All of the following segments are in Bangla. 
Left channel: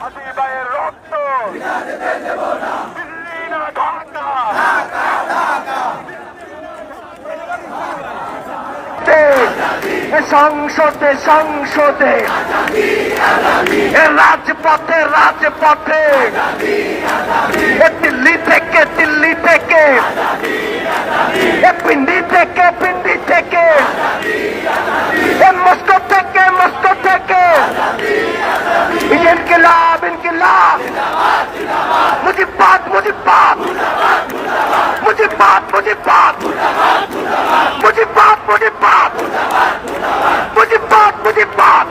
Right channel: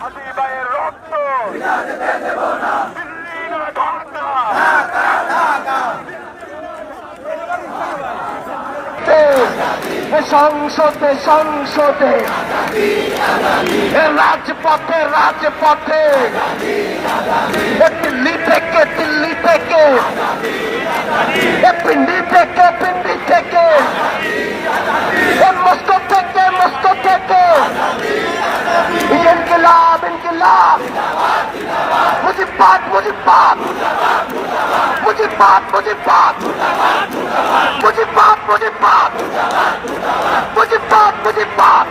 হাবিবাইয়ের রক্ত দিল্লি না ঢাকা। সংসদে সংসদে রাজপথে রাজপথে দিল্লি থেকে পিন্ডি থেকে মস্কো থেকে ইনকিলাব ইনকিলাব মুজিবাদ মুজিবাদ মুজিবাদ মুজিবাদ মুজিবাদ মুজিবাদ मुजिबात मुजिबात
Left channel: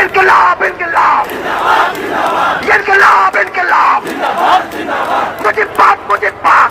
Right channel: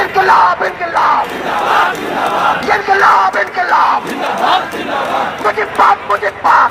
इनकलाब इनकलाब इनकलाब इनकलाब मुजिबात मुजिबात